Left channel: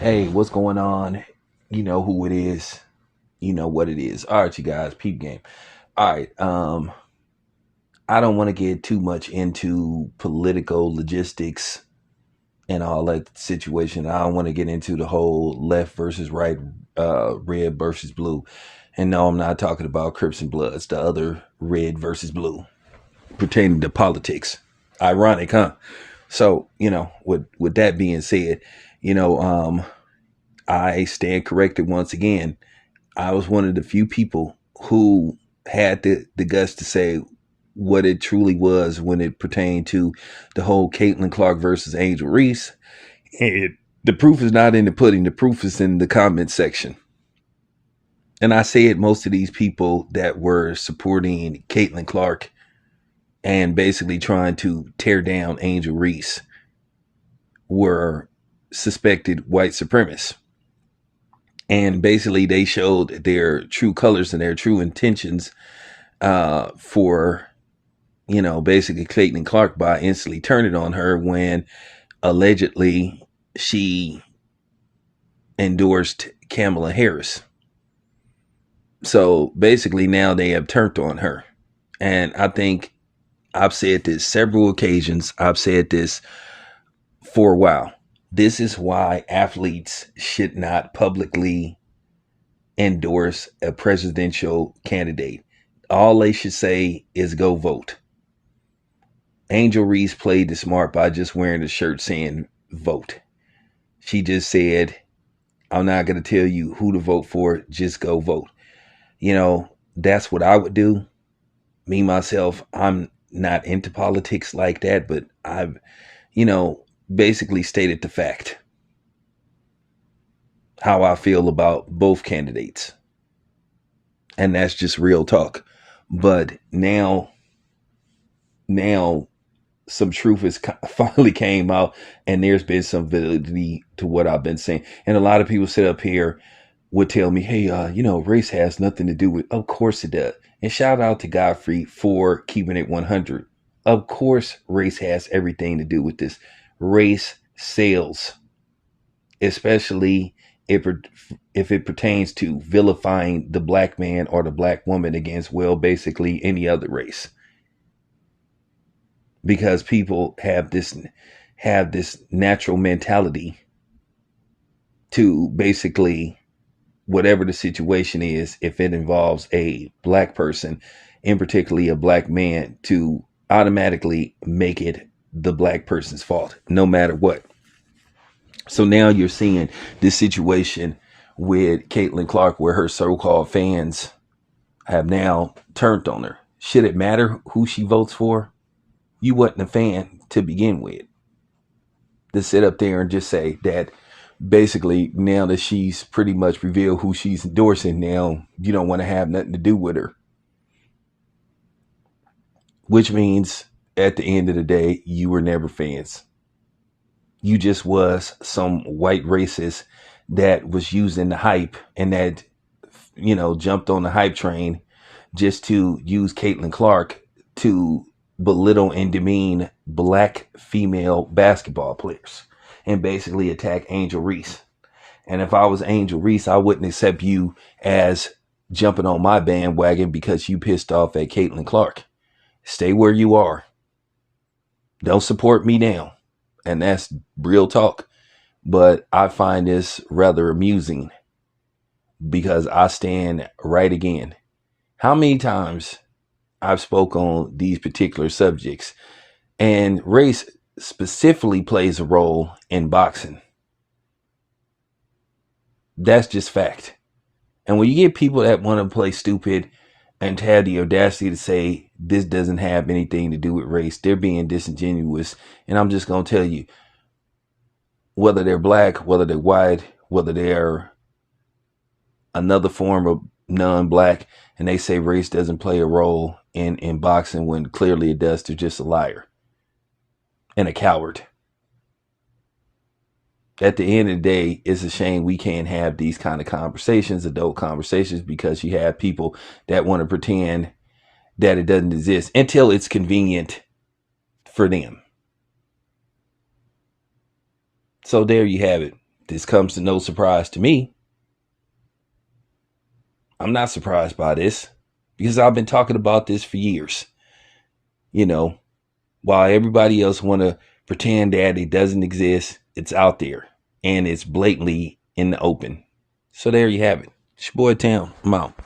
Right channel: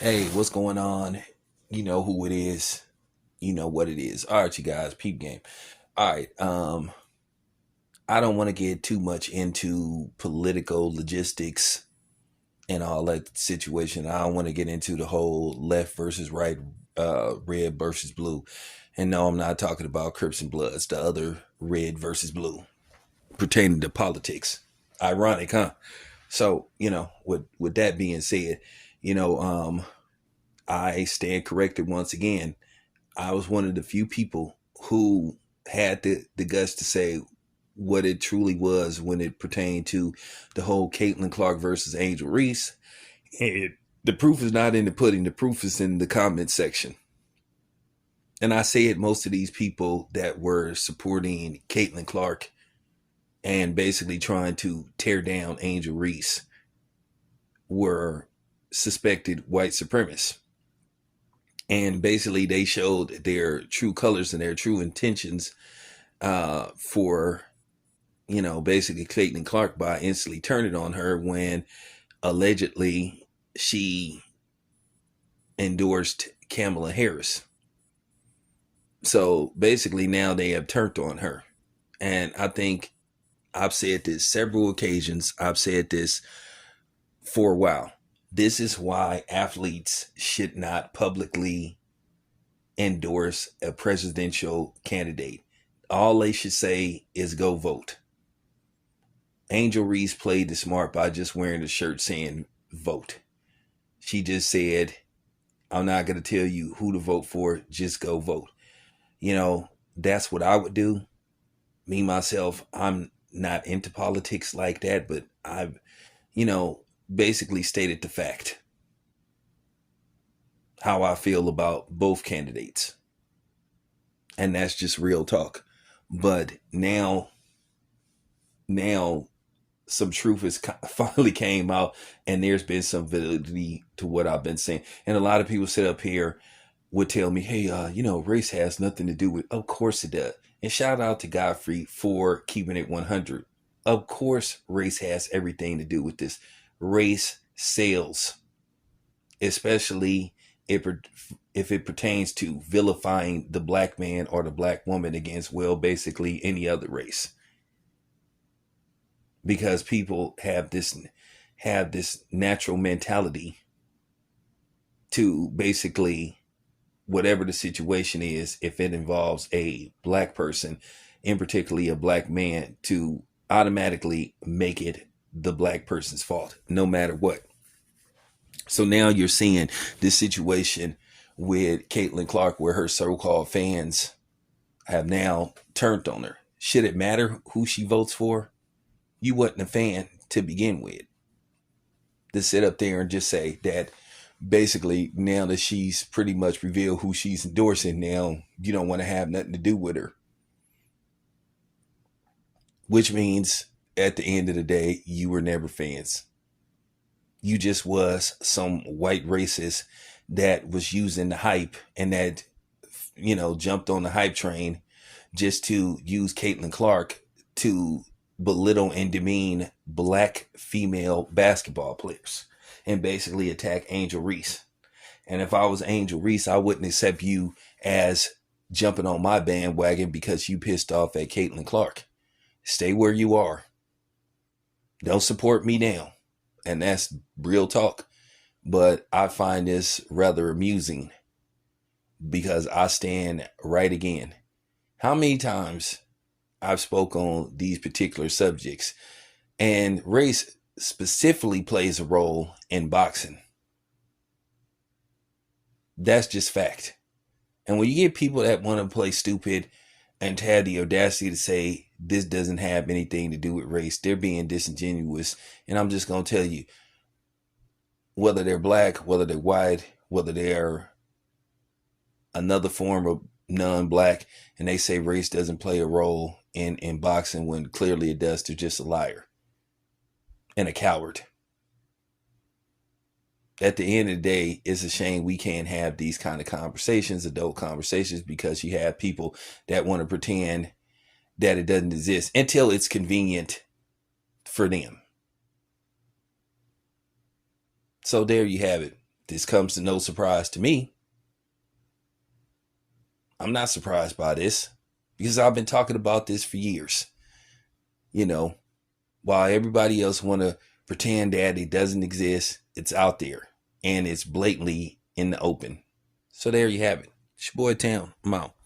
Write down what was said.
Hey, what's going on? You know who it is. You know what it is. All right, you guys, peep game. All right. I don't want to get too much into political logistics and all that situation. I don't want to get into the whole left versus right, red versus blue. And no, I'm not talking about Crips and Bloods, the other red versus blue pertaining to politics. Ironic, huh? So, with that being said, you know, um, I stand corrected once again. I was one of the few people who had the guts to say what it truly was when it pertained to the whole Caitlyn Clark versus Angel Reese. The proof is not in the pudding. The proof is in the comment section. And I said most of these people that were supporting Caitlyn Clark and basically trying to tear down Angel Reese were suspected white supremacists. And basically, they showed their true colors and their true intentions for, basically Caitlyn Clark by instantly turning on her when allegedly she endorsed Kamala Harris. So basically, now they have turned on her. And I think I've said this several occasions. I've said this for a while. This is why athletes should not publicly endorse a presidential candidate. All they should say is go vote. Angel Reese played the smart by just wearing a shirt saying vote. She just said, I'm not going to tell you who to vote for, just go vote. That's what I would do. Me, myself, I'm not into politics like that, but I've, basically stated the fact how I feel about both candidates. And that's just real talk. But now some truth has finally came out, and there's been some validity to what I've been saying. And a lot of people sit up here would tell me, hey, race has nothing to do with, of course it does. And shout out to Godfrey for keeping it 100. Of course, race has everything to do with this. Race sells, especially if it pertains to vilifying the black man or the black woman against, well, basically any other race. Because people have this natural mentality to basically, whatever the situation is, if it involves a black person, in particularly a black man, to automatically make it the black person's fault, no matter what. So now you're seeing this situation with Caitlyn Clark where her so-called fans have now turned on her. Should it matter who she votes for? You wasn't a fan to begin with. To sit up there and just say that basically now that she's pretty much revealed who she's endorsing, now you don't want to have nothing to do with her. Which means at the end of the day, you were never fans. You just was some white racist that was using the hype and that, jumped on the hype train just to use Caitlyn Clark to belittle and demean black female basketball players and basically attack Angel Reese. And if I was Angel Reese, I wouldn't accept you as jumping on my bandwagon because you pissed off at Caitlyn Clark. Stay where you are. Don't support me now. And that's real talk. But I find this rather amusing because I stand right again. How many times I've spoke on these particular subjects, and race specifically plays a role in boxing. That's just fact. And when you get people that want to play stupid and have the audacity to say this doesn't have anything to do with race, they're being disingenuous. And I'm just going to tell you, whether they're black, whether they're white, whether they're another form of non-black, and they say race doesn't play a role in boxing when clearly it does, they're just a liar and a coward. At the end of the day, it's a shame we can't have these kind of conversations, adult conversations, because you have people that want to pretend that it doesn't exist until it's convenient for them. So there you have it. this comes to no surprise to me. I'm not surprised by this because I've been talking about this for years. You know, while everybody else want to pretend that it doesn't exist, it's out there and it's blatantly in the open. So there you have it. It's your boy Town. I'm out.